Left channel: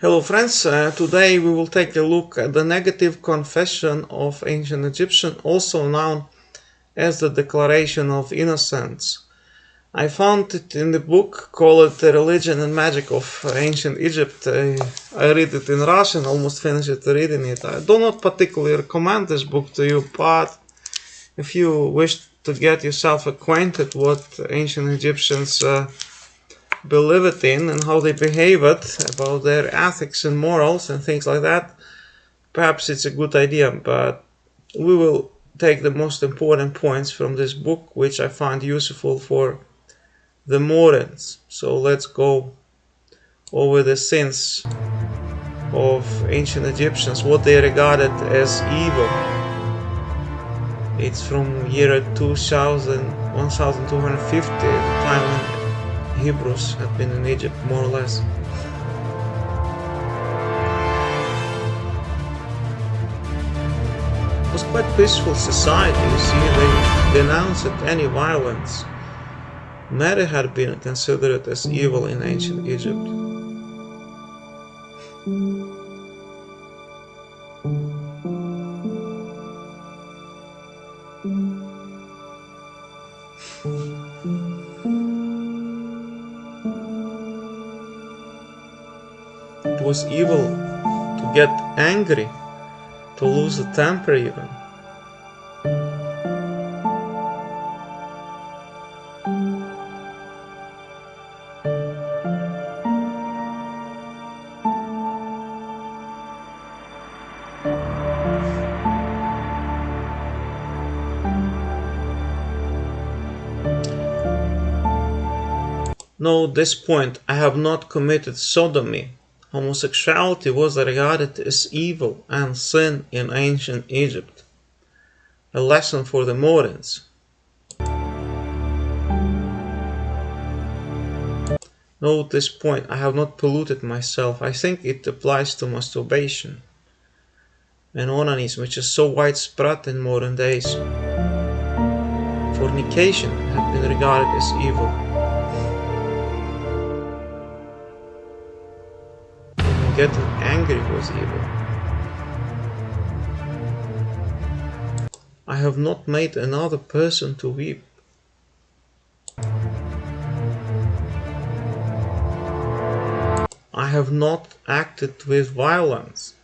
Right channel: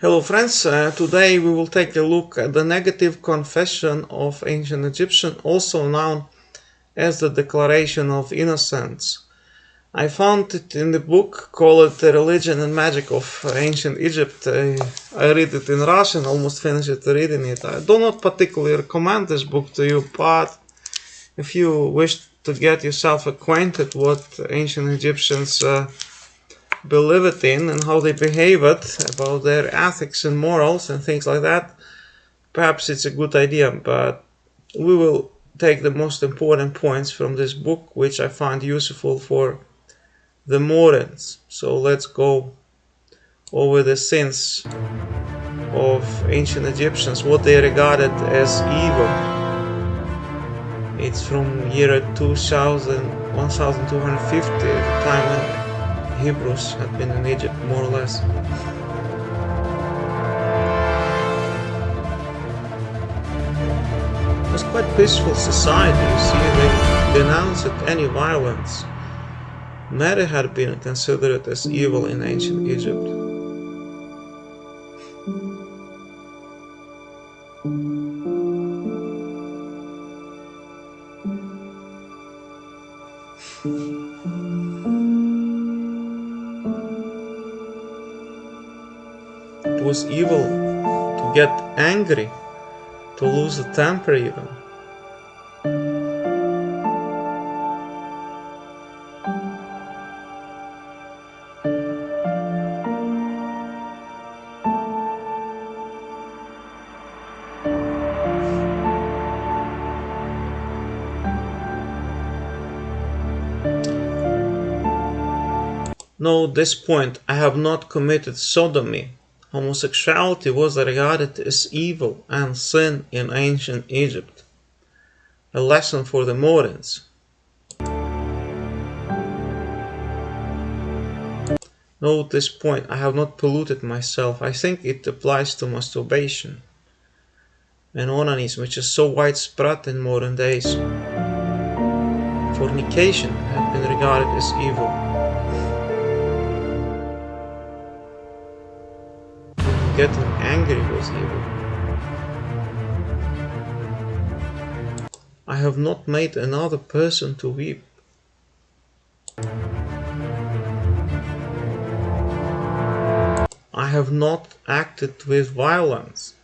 Hello friends, today we will take a look at the negative confession of ancient Egyptian, also known as the Declaration of Innocence. I found it in the book called The Religion and Magic of Ancient Egypt. I read it in Russian, almost finished reading it. I do not particularly recommend this book to you, but if you wish to get yourself acquainted what ancient Egyptians believe it in and how they behave it, about their ethics and morals and things like that, perhaps it's a good idea. But we will take the most important points from this book, which I find useful for the moderns. So let's go over the sins of ancient Egyptians, what they regarded as evil. It's from year 1250, the time when Hebrews had been in Egypt, more or less. It was quite peaceful society, you see. They denounced any violence. Mary had been considered as evil in ancient Egypt. It was evil to get angry, to lose the temper even. Note this point: I have not committed sodomy. Homosexuality was regarded as evil and sin in ancient Egypt. A lesson for the moderns. Note this point: I have not polluted myself. I think it applies to masturbation and onanism, which is so widespread in modern days. Fornication had been regarded as evil. Getting angry was evil. I have not made another person to weep. I have not acted with violence.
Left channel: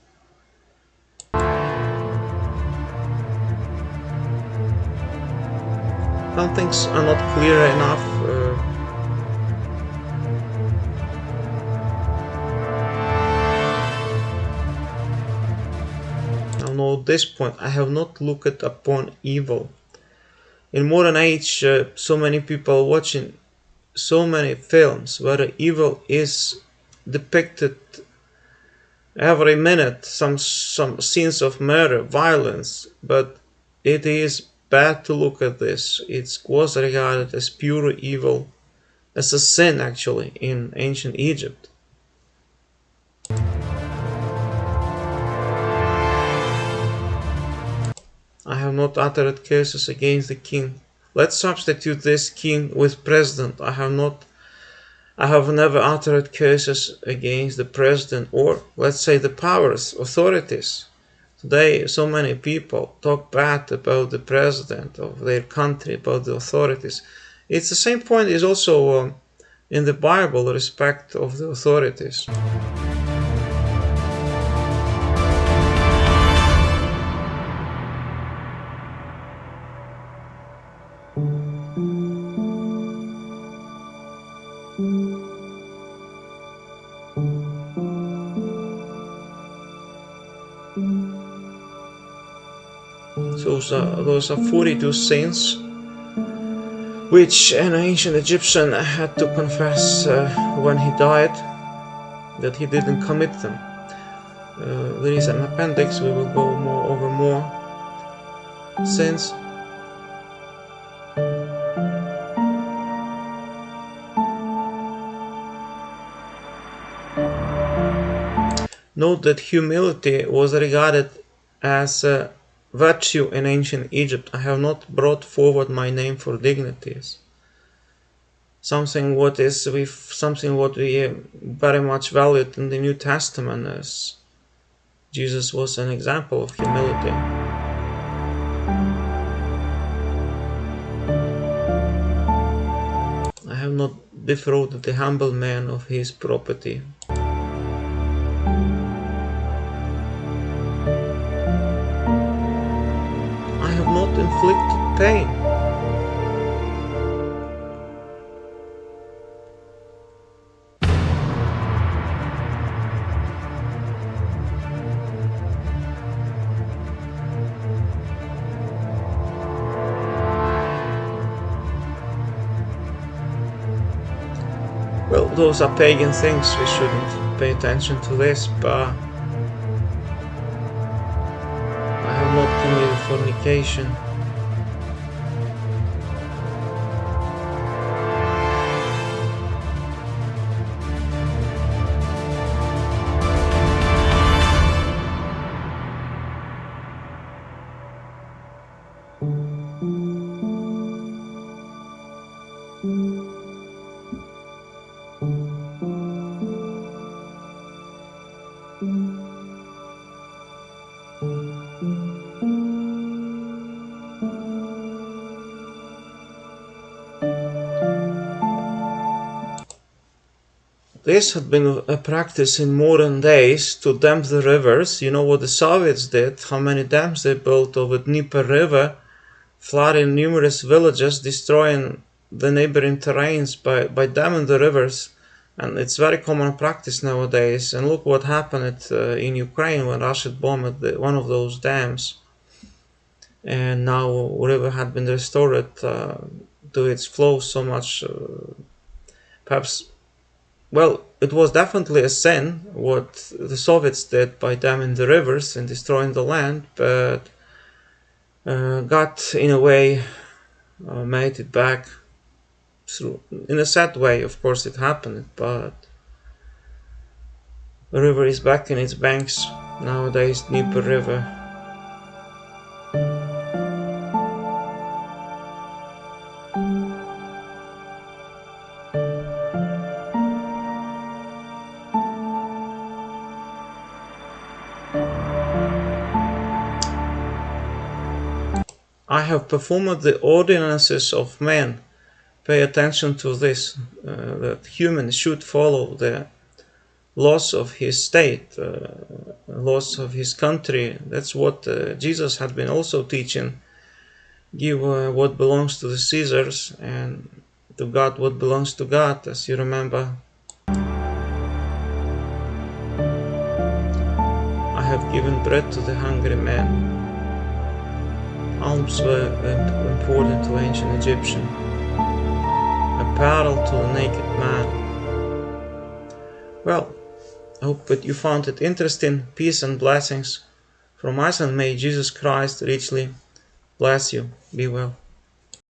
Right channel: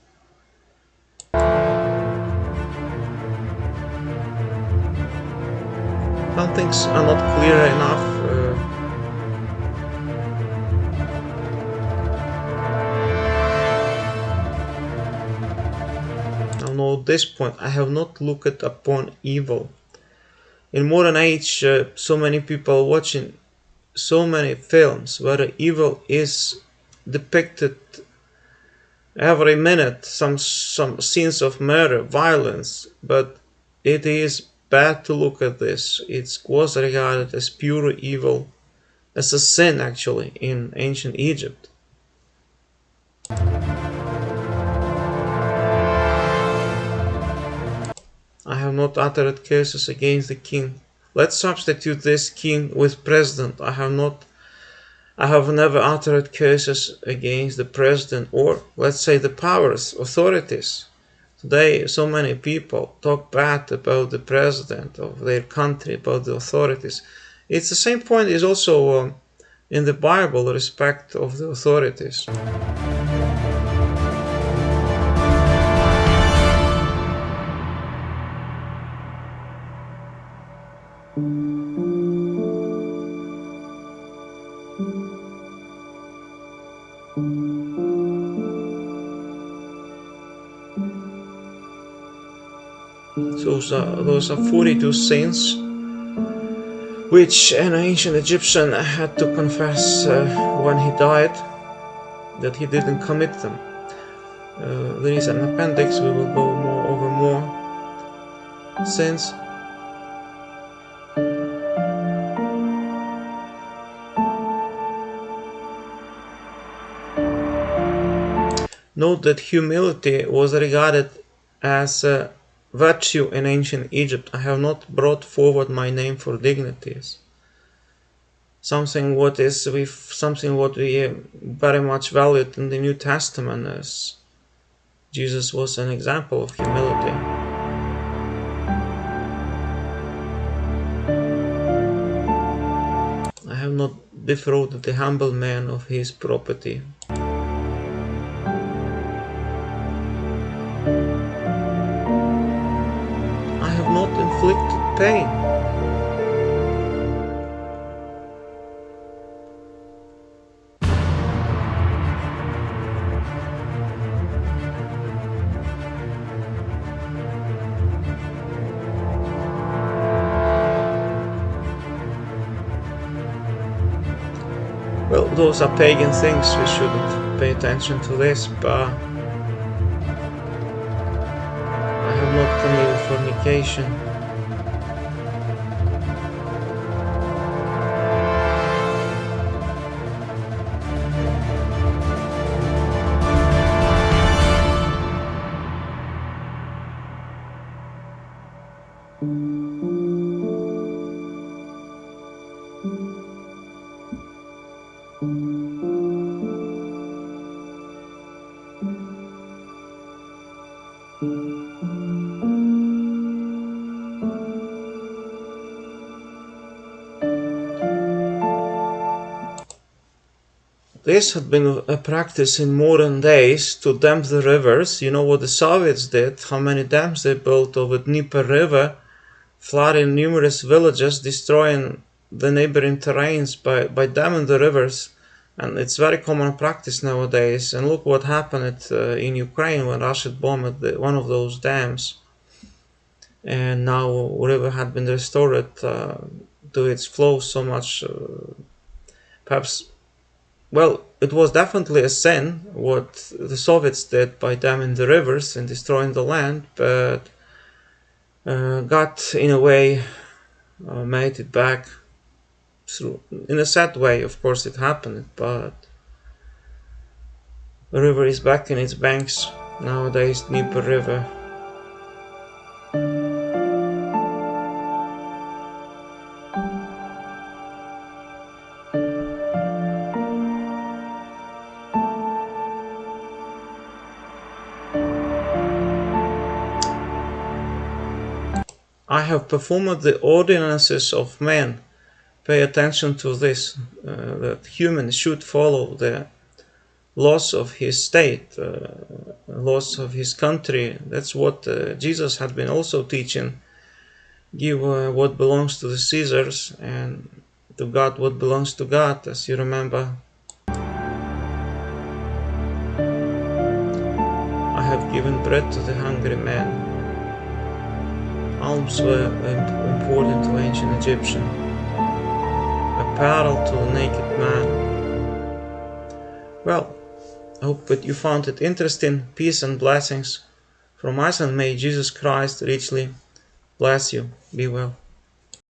Some things are not clear enough. Note this point: I have not looked upon evil. In modern age, so many people watching so many films where evil is depicted every minute, some scenes of murder, violence, but it is bad to look at this. It was regarded as pure evil, as a sin actually, in ancient Egypt. I have not uttered curses against the king. Let's substitute this king with president. I have never uttered curses against the president, or let's say the powers, authorities. Today so many people talk bad about the president of their country, about the authorities. It's the same point is also in the Bible, respect of the authorities. So those are 42 sins which an ancient Egyptian had to confess when he died, that he didn't commit them. There is an appendix, we will go over more sins. Note that humility was regarded as a virtue in ancient Egypt. I have not brought forward my name for dignities. something what we very much valued in the New Testament, as Jesus was an example of humility. I have not defrauded the humble man of his property. I have not inflicted pain. Well, those are pagan things, we shouldn't pay attention to this, but I have not committed fornication. This had been a practice in modern days to dam the rivers. You know what the Soviets did, how many dams they built over Dnieper River, flooding numerous villages, destroying the neighboring terrains by damming the rivers. And it's very common practice nowadays. And look what happened in Ukraine when Russia bombed one of those dams. And now river had been restored to its flow so much. Perhaps, well, it was definitely a sin what the Soviets did by damming the rivers and destroying the land, but God, in a way, made it back through, in a sad way, of course it happened, but the river is back in its banks nowadays, Dnieper River. I have performed the ordinances of men. Pay attention to this, that humans should follow the laws of his state, laws of his country. That's what Jesus had been also teaching. Give what belongs to the Caesars, and to God what belongs to God, as you remember. I have given bread to the hungry man. Alms were important to ancient Egyptian. Apparel to the naked man. Well, I hope that you found it interesting. Peace and blessings from us, and may Jesus Christ richly bless you. Be well.